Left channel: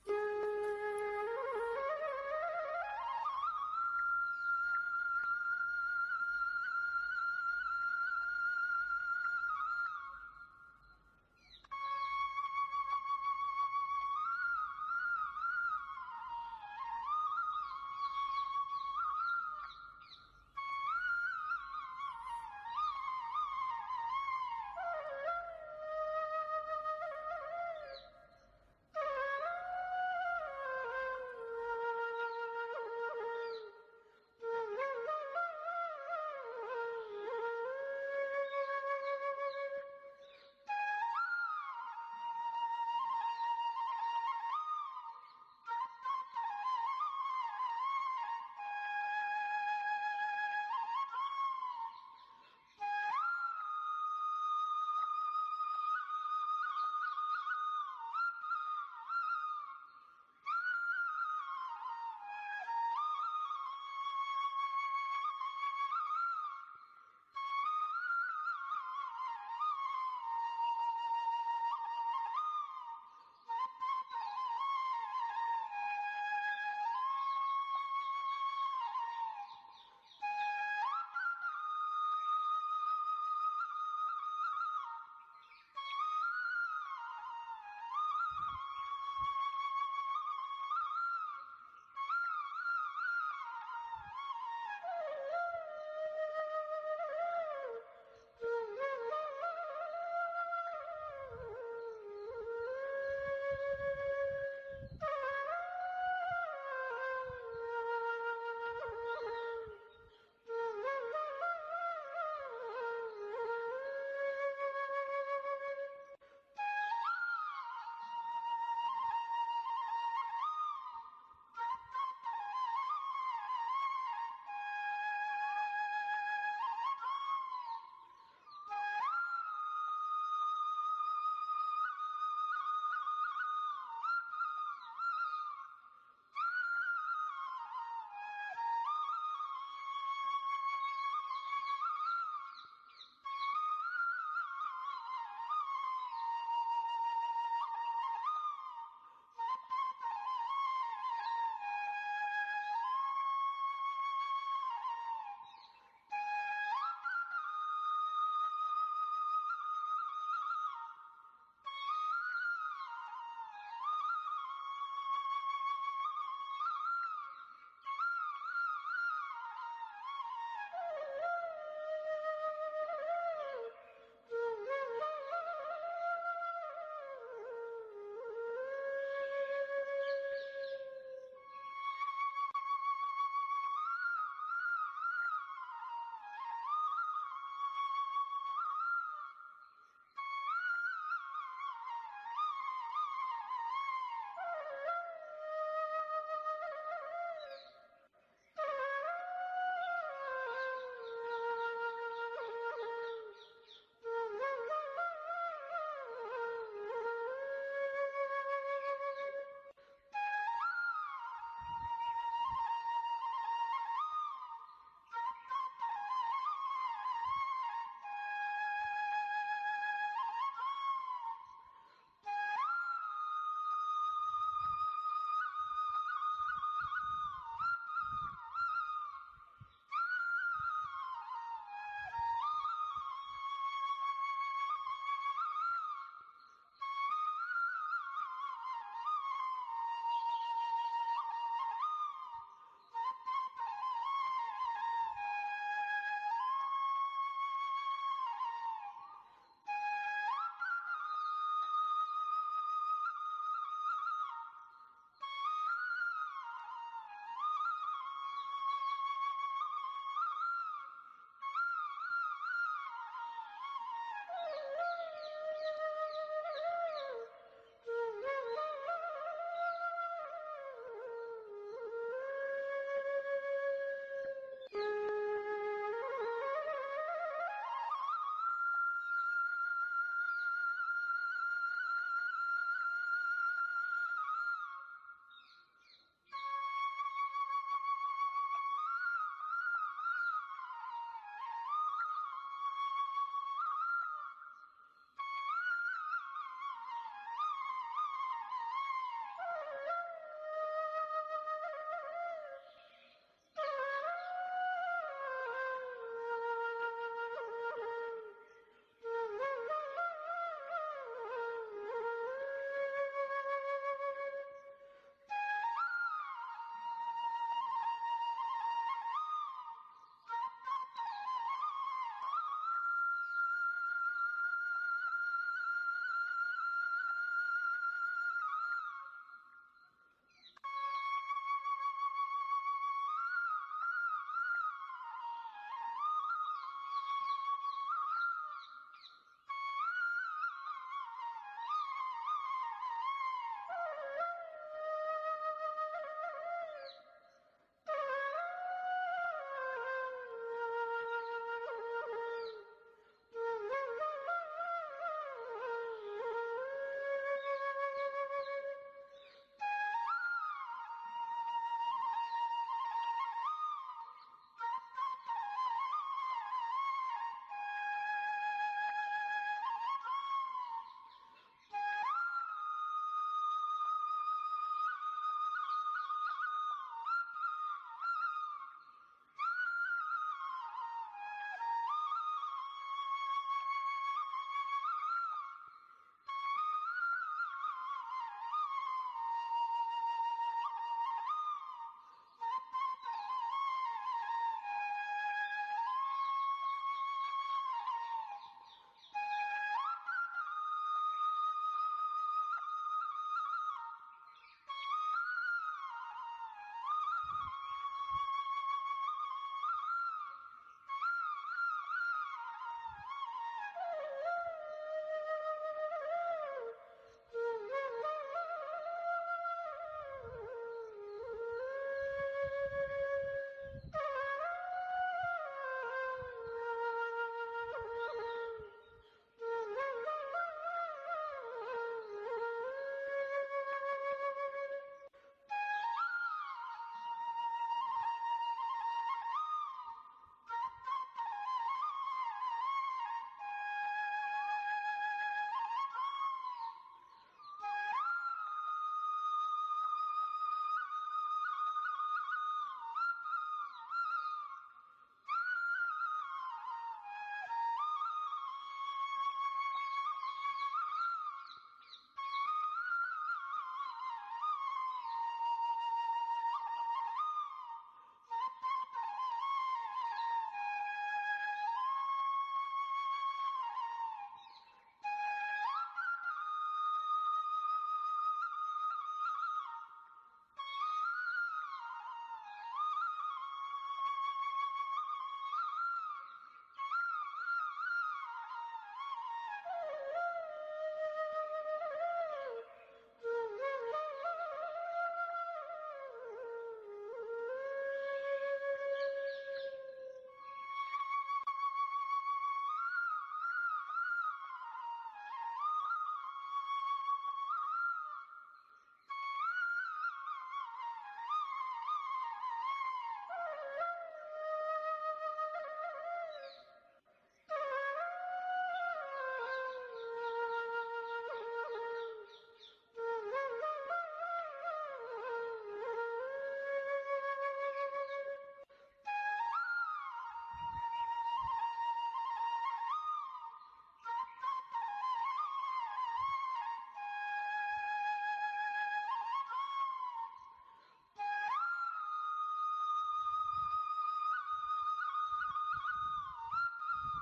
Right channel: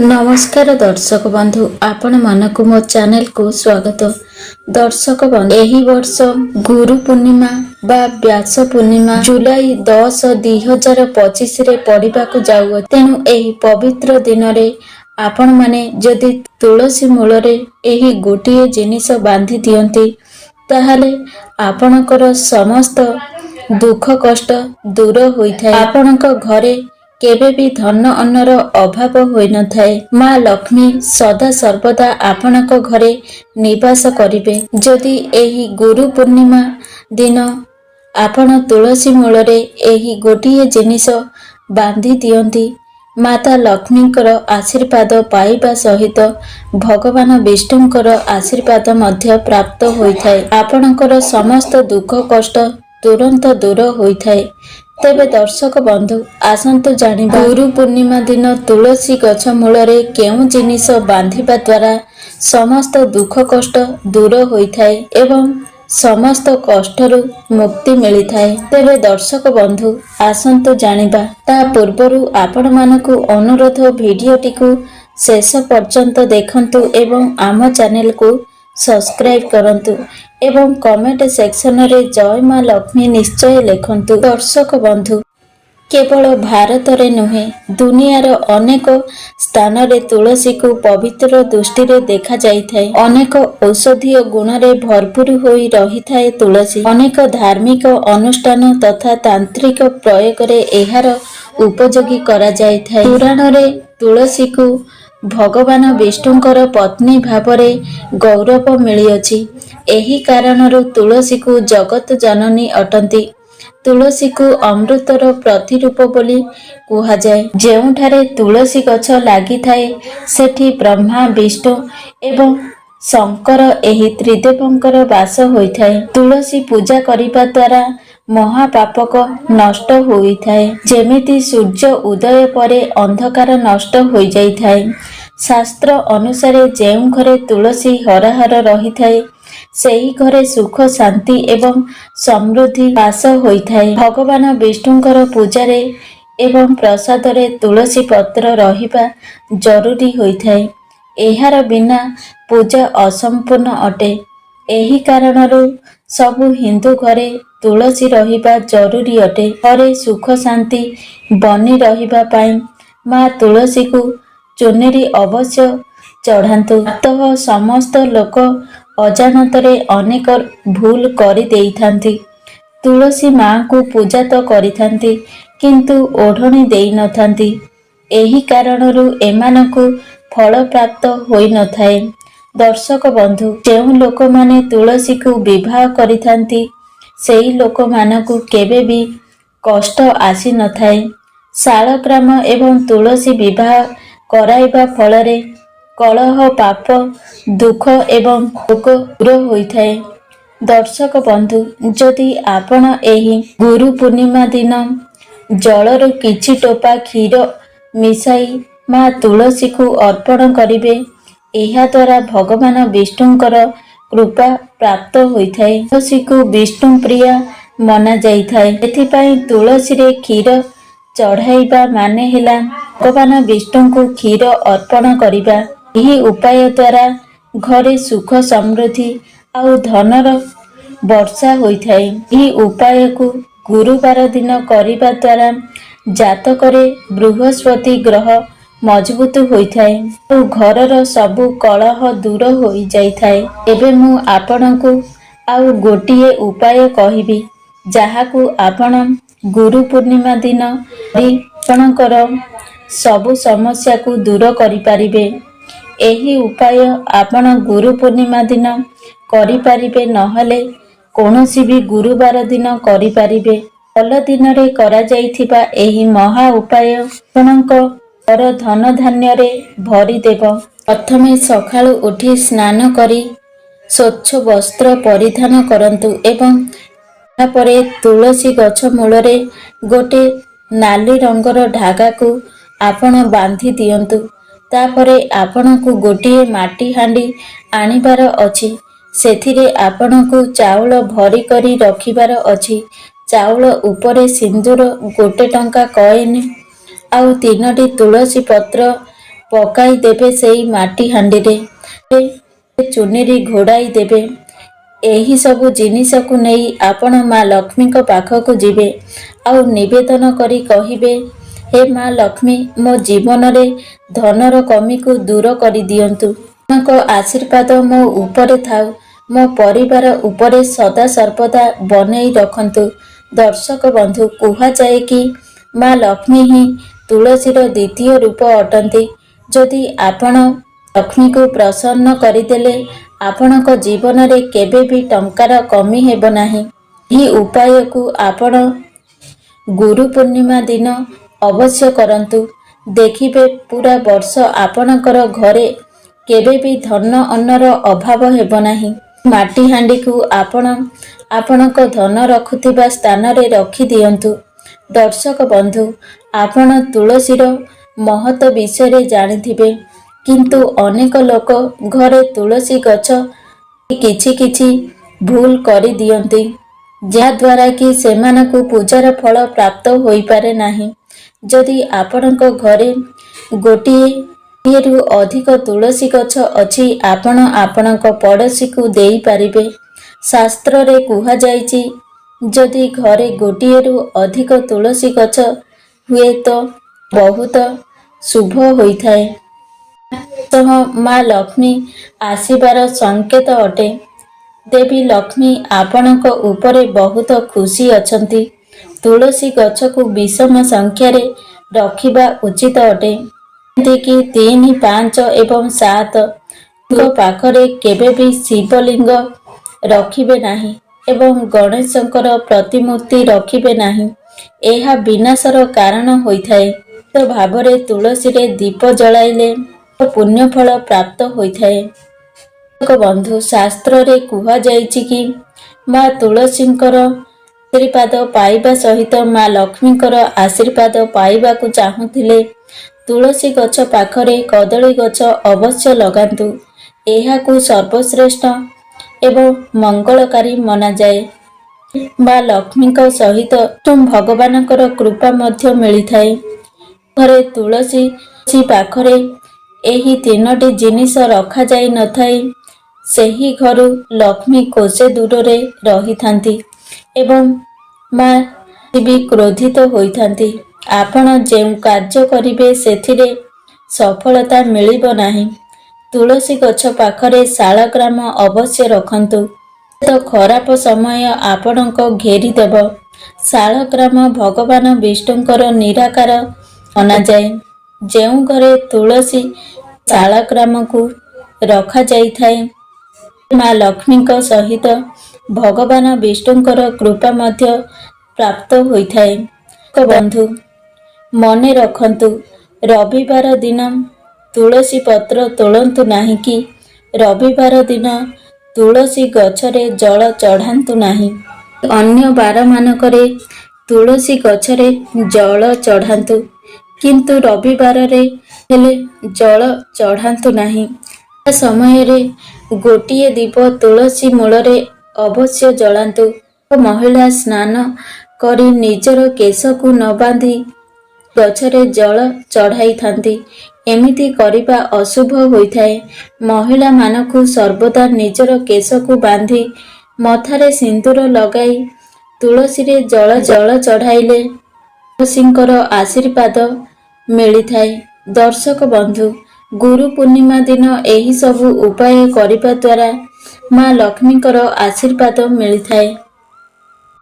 नमस्कार दर्शक बंधु आपण मानक मो चैनल को स्वागत। दर्शक बंधु एही वर्ष गुरु पूर्णिमा बा व्यास पूर्णिमा जुलाई 10, 2025 रे पड़िबा को जाउ। तेणु एही पवित्र दिन रे आपण माने जदि तुलसी मूल रे एही गोटिए जिनिस बांधी दियंती ताहाले आपणकर समस्त दुख कष्ट दूर होइथाय। आपणक घरे केबे भी धन अन्नर अभाव होई न थाए। माँ लक्ष्मी सदा सर्वदा आपणक घरे निवास करिवे। जदि एही गुरु पूर्णिमा दिन आपण तुलसी मूलरे एही गोटिए जिनिस बांधी दियंती माता लक्ष्मीकर आशीर्वाद पाइबा सहित भगवान विष्णुकर आशीर्वाद मध्य प्राप्त होइथाय। आपणकर समस्त दुख कष्ट तुरंत दूर होइथाय। तेबे दर्शक बंधु आसंतु जानिबा गुरु पूर्णिमा दिन तुलसी गछ मूलरे केउं जिनिस बांधिबा द्वारा समस्त दुख कष्ट दूर होइथाय एवं समस्त कष्टरू मुक्ति मिलिथाय। तेबे दर्शक बंधु आसंतु जानिबा ता पूर्वरु आपण मानकु अनुरोध भिडियोटी को शेष पर्यंत देखंतु एवं आम चैनल को सब्सक्राइब करंतु एवं कमेंट सेक्शन रे जय मां लक्ष्मी निश्चय लिखंतु। दर्शक बंधु केवल भारत रे नुहे दुनियार अनेक स्थान रे तुलसी को पवित्र दृष्टि रे देखा जाइथाय। अनेक औषधीय गुण रे भरपूर होई रहिथाय तुलसी। अनेक धार्मिक अनुष्ठान तथा तांत्रिक प्रयोग रे एहार उपयोगी करा जाइथाय। पुराण रे तुलसी को भगवान विष्णुଙ୍କର पत्नी भावरे गौरव मिलिଅछि। एही कारणରୁ तुलसी को जगत जननी अटंती। तुलसी को अमृतर प्रतिरूप बोली कुहाଯାଏ। ଯେଉଁଠାରେ तुलसी गछ ଲାଗିଥାଏ ସେଠି ब्रह्मा विष्णु एवं शंकर एही त्रिदेवଙ୍କର ବାସ ହୋଇଥାଏ। तुलसी पूजा କରିବା ଦ୍ୱାରା महापापक नष्ट होइଥାଏ। जेमिति सूर्य उदय परे अंधकार नष्ट होई जाइଥାଏ। शास्त्र अनुसार ଯେଉଁ घरे तुलसी हराहर रहिଥାଏ ସେହି घरे सुख शांति एवं समृद्धि बास होइଥାଏ। भगवान विष्णुଙ୍କର पूजारे एवं प्रसादरे तुलसी पत्र रहिबा जरूरी होइଥାଏ। एहार बिना पूजा असंपूर्ण अटे। एही कारणରୁ ସବୁ हिंदू घरे तुलसी रहिबा जरूरी अटे। घरे सुख शांति बनी रहिबा पाई माँ तुलसी को चुनरी अवश्य चढ़ातु। तह समस्त लोक अजानतरे अनेक भूल करि देइथांती। तुलसी माँ को पूजा तो करिथांती किंतु ओढ़णी देई न थांती। एही कारणରୁ एमानकु फल प्राप्त होई न थाए। दर्शक बंधु ଯେଉଁ ଲୋକମାନେ तुलसी को विवाह करिथांती सेही लोक मानकु केबे भी कष्ट आसी न थाए। शालग्राम एवं तुलसी विवाह कराइबा फलरे कलह पाप दुख एवं रोग दूर होइथाए। दर्शक बंधु जदि आपण एही गुरु पूर्णिमा दिन जलरू किछि टोपा क्षीर मिसाई माँ तुलसी को अर्पण करिवे एहा द्वारा भगवान विष्णुଙ୍କର कृपा प्राप्त होइथाए। तुलसी को विष्णु प्रिया मना जाइथाए। एथिपाई तुलसी रे क्षीर चढ़ाइबा माने हेला भगवान विष्णु को क्षीर अर्पण करिबा। एही उपाय द्वारा घरे सुख समृद्धि आउ धनर वर्षा होइथाए। एही उपाय को गुरुवार दिन करिबा द्वारा जातकरे बृहस्पति ग्रह मजबूत होइथाए और घरर सबु कलह दूर होई जाइथाए। एबे मु आपणकु आउ गोटिए उपाय कहिबी जाहाकु आपण गुरु पूर्णिमा दिन आपणकर सबु समस्या को दूर करि पारिबे। एही उपाय आपण गुरु पूर्णिमा दिन करि पारिबे नहले कोनोसी भी गुरुवार दिन करि पारिबे। फल दिन रे करा जाइथिबा एही महा उपाय आपणकर धन धान्य रे भरी देव। प्रथमे सकाळु उठी स्नान करी स्वच्छ वस्त्र परिधान करंतु एवं तापरे तुलसी गछ मूलरे गोटे नाली रंगर धागा को आपण बांधी दियंतु। तापरे आपणकु गोटिए माटी हांडी आनिबार अछि। सेथिरे आपणकु चाउल भरी करी रखिबार अछि। चाउल उपरे सिंदूर 1 टंका कॉइन आउ 3टी तुलसी पत्र ପକାଇ ଦେବେ ସେଇ ମାଟି ହାଣ୍ଡିରେ, ଚୁନିରି ଘୋଡ଼ାଇ ଦେବେ। ଏହି ସବୁ ଜିନିଷକୁ ନେଇ ଆପଣ ମା ଲକ୍ଷ୍ମୀଙ୍କ ପାଖକୁ ଯିବେ ଆଉ ନିବେଦନ କରି କହିବେ, ହେ ମା ଲକ୍ଷ୍ମୀ, ମୋ ଜୀବନରେ ଧନର କମିକୁ ଦୂର କରିଦିଅନ୍ତୁ। ଆପଣଙ୍କ ଆଶୀର୍ବାଦ ମୋ ଉପରେ ଥାଉ, ମୋ ପରିବାର ଉପରେ ସଦା ସର୍ବଦା ବନେଇ ରଖନ୍ତୁ। ଦର୍ଶକ ବନ୍ଧୁ, କୁହାଯାଏ କି ମା ଲକ୍ଷ୍ମୀ ହିଁ ତୁଳସୀର ଦ୍ୱିତୀୟ ରୂପ ଅଟନ୍ତି। ଯଦି ଆପଣ ଲକ୍ଷ୍ମୀକୁ ପ୍ରସନ୍ନ କରିଦେଲେ, ଆପଣଙ୍କ ଜୀବନରେ କେବେ ବି ଟଙ୍କାର କମି ହେବ ନାହିଁ। ଏହି ଉପାୟକୁ ଆପଣ ଗୁରୁ ପୂର୍ଣ୍ଣିମା ଦିନ ଅବଶ୍ୟ କରନ୍ତୁ। ଦେଖିବେ ପୁରା ବର୍ଷ ଆପଣଙ୍କର ଘରେ କେବେ ବି ଧନ ଅନ୍ନର ଅଭାବ ହେବ ନାହିଁ। ମାଟି ହାଣ୍ଡିକୁ ଆପଣ ଆପଣଙ୍କ ଧନ ରଖୁଥିବା ସ୍ଥାନରେ ରଖିଦିଅନ୍ତୁ। ଦର୍ଶକ ବନ୍ଧୁ, ଆପଣ ତୁଳସୀର ମହତ୍ତ୍ୱ ବିଷୟରେ ଜାଣିଥିବେ, କିନ୍ତୁ ଅନେକ ଲୋକ ଘରେ ତୁଳସୀ ଗଛ କିଛି କିଛି ଭୁଲ କରିଦିଅନ୍ତି, ଯାହାଦ୍ୱାରା କି ସେମାନଙ୍କୁ ପୂଜାର ଫଳ ପ୍ରାପ୍ତ ହୋଇପାରେ ନାହିଁ। ଯଦି ଆପଣଙ୍କ ଘରେ ଗୋଟିଏରୁ ଅଧିକ ତୁଳସୀ ଗଛ ଅଛି, ଆପଣ ଆପଣଙ୍କ ପଡ଼ୋଶୀକୁ ଦେଇପାରିବେ। ଶାସ୍ତ୍ରରେ କୁହାଯାଇଛି, ଯଦି ଘରେ ଗୋଟିଏରୁ ଅଧିକ ତୁଳସୀ ଗଛ ହୁଏ ତ ବହୁତ ଶୁଭ ହୋଇଥାଏ। ସହ ମା ଲକ୍ଷ୍ମୀ ଆସିବାର ସଂକେତ ଅଟେ। ଦେବୀ ଲକ୍ଷ୍ମୀ ଆପଣଙ୍କ ଉପରେ ବହୁତ ଖୁସି ଅଛନ୍ତି। ତୁଳସୀ ଗଛକୁ ବିଷମ ସଂଖ୍ୟାରେ ରଖିବା ଉଚିତ ଅଟେ, ଯେମିତିକି 3, 5 ଏବଂ 7। ପାଖରେ କେବେ ବି ଶିବଲିଙ୍ଗ ରଖିବେ ନାହିଁ ଏବଂ ଗଣେଶଙ୍କର ପ୍ରତିମୂର୍ତ୍ତି ରଖିବେ ନାହିଁ। ଏହା ବିନାଶର କାରଣ ହୋଇଥାଏ। ନିଶ୍ଚିତ ଭାବରେ ତୁଳସୀରେ ଦୀପ ଜଳାଇଲେ ପୁଣ୍ୟଫଳ ପ୍ରାପ୍ତ ହୋଇଥାଏ। ବନ୍ଧୁ, ଶାସ୍ତ୍ରରେ କୁହାଯାଇଛି କି ମା ତୁଳସୀଙ୍କର ଆଶୀର୍ବାଦ ପାଇବା ସହିତ ମା ଲକ୍ଷ୍ମୀଙ୍କର ଆଶୀର୍ବାଦ ପାଇବାକୁ ଚାହୁଁଥିଲେ ତୁଳସୀ ଗଛ ପାଖରେ କଦଳୀ ଗଛ ଅବଶ୍ୟ ଲଗାନ୍ତୁ। ଏହାକୁ ସର୍ବଶ୍ରେଷ୍ଠ ଏବଂ ମଙ୍ଗଳକାରୀ ମନାଯାଏ। ମା ଲକ୍ଷ୍ମୀଙ୍କ ସହିତ ଭଗବାନଙ୍କର କୃପା ମଧ୍ୟ ମିଳିଥାଏ। ଘରେ ତୁଳସୀ ପାଖରେ ଏହି 3ଟି ଜିନିଷ ରଖାଯାଇ ନଥାଏ, ସେହି ଘରୁ ଲକ୍ଷ୍ମୀ କୋଷେ ଦୂରରେ ରହିଥାନ୍ତି ଏବଂ ମା ବି କ୍ରୋଧିତ ହୋଇଥାନ୍ତି। ଆପଣ ଯେଉଁ କାର୍ଯ୍ୟ କରିବେ ସେଥିରେ ସଫଳତା ମିଳିବ ନାହିଁ। ତୁଳସୀ ଗଛ ପାଖରେ ଶାଳଗ୍ରାମ ଅବଶ୍ୟ ରଖନ୍ତୁ। ତ ଖରାପ ସମୟ ଆପଣଙ୍କ ଘେରିଦେବ। ଶାଳଗ୍ରାମ ଭଗବାନ ବିଷ୍ଣୁଙ୍କର ନିରାକାର ମନାଯାଏ। ଯେଉଁ ଘରେ ତୁଳସୀ ଶାଳଗ୍ରାମକୁ ରଖାଯାଇଥାଏ, ମା ଲକ୍ଷ୍ମୀଙ୍କ ସହିତ ଭଗବାନ ବିଷ୍ଣୁଙ୍କର କୃପା ମଧ୍ୟ ପ୍ରାପ୍ତ ହୋଇଥାଏ। ବନ୍ଧୁ, ମନେ ରଖନ୍ତୁ, ରବିବାର ଦିନ ତୁଳସୀ ପତ୍ର ତୋଳନ୍ତୁ ନାହିଁ କି ରବିବାର ଦିନ ତୁଳସୀ ଗଛରେ ଜଳ ଚଢ଼ାନ୍ତୁ ନାହିଁ। ଅନ୍ୟ ବାରମାନଙ୍କରେ ତୁଳସୀ ଗଛରେ ଜଳ ଚଢ଼ାନ୍ତୁ, କିନ୍ତୁ ରବିବାରରେ ହେଲେ ଜଳ ଚଢ଼ାନ୍ତୁ ନାହିଁ। ତା ସମୟରେ ଗୋଟିଏ ଦୀପ ତୁଳସୀ ମୂଳରେ ଅବଶ୍ୟ ଜଳାନ୍ତୁ। ମହିଳା ସ୍ନାନ କରି ନିଜର କେଶକୁ ନ ବାନ୍ଧି ଗଛରେ ଜଳ ଚଢ଼ାଇଥାନ୍ତି। ଏମିତି କରିବା ଅଶୁଭ ହୋଇଥାଏ। ମହିଳାମାନଙ୍କୁ ସର୍ବଦା ନିଜର କେଶକୁ ବାନ୍ଧି ମଥାରେ ସିନ୍ଦୂର ଲଗାଇ ତୁଳସୀରେ ଜଳ ଚଢ଼ାଇଲେ ତୁଳସୀଙ୍କର ଆଶୀର୍ବାଦ ମିଳିଥାଏ। ଦର୍ଶକ ବନ୍ଧୁ, ଗୁରୁ ପୂର୍ଣ୍ଣିମା ଦିନ ଏହି ସବୁ ଉପାୟ କରିବା ଦ୍ୱାରା ମା ଲକ୍ଷ୍ମୀଙ୍କର ଆଶୀର୍ବାଦ ମିଳିଥାଏ।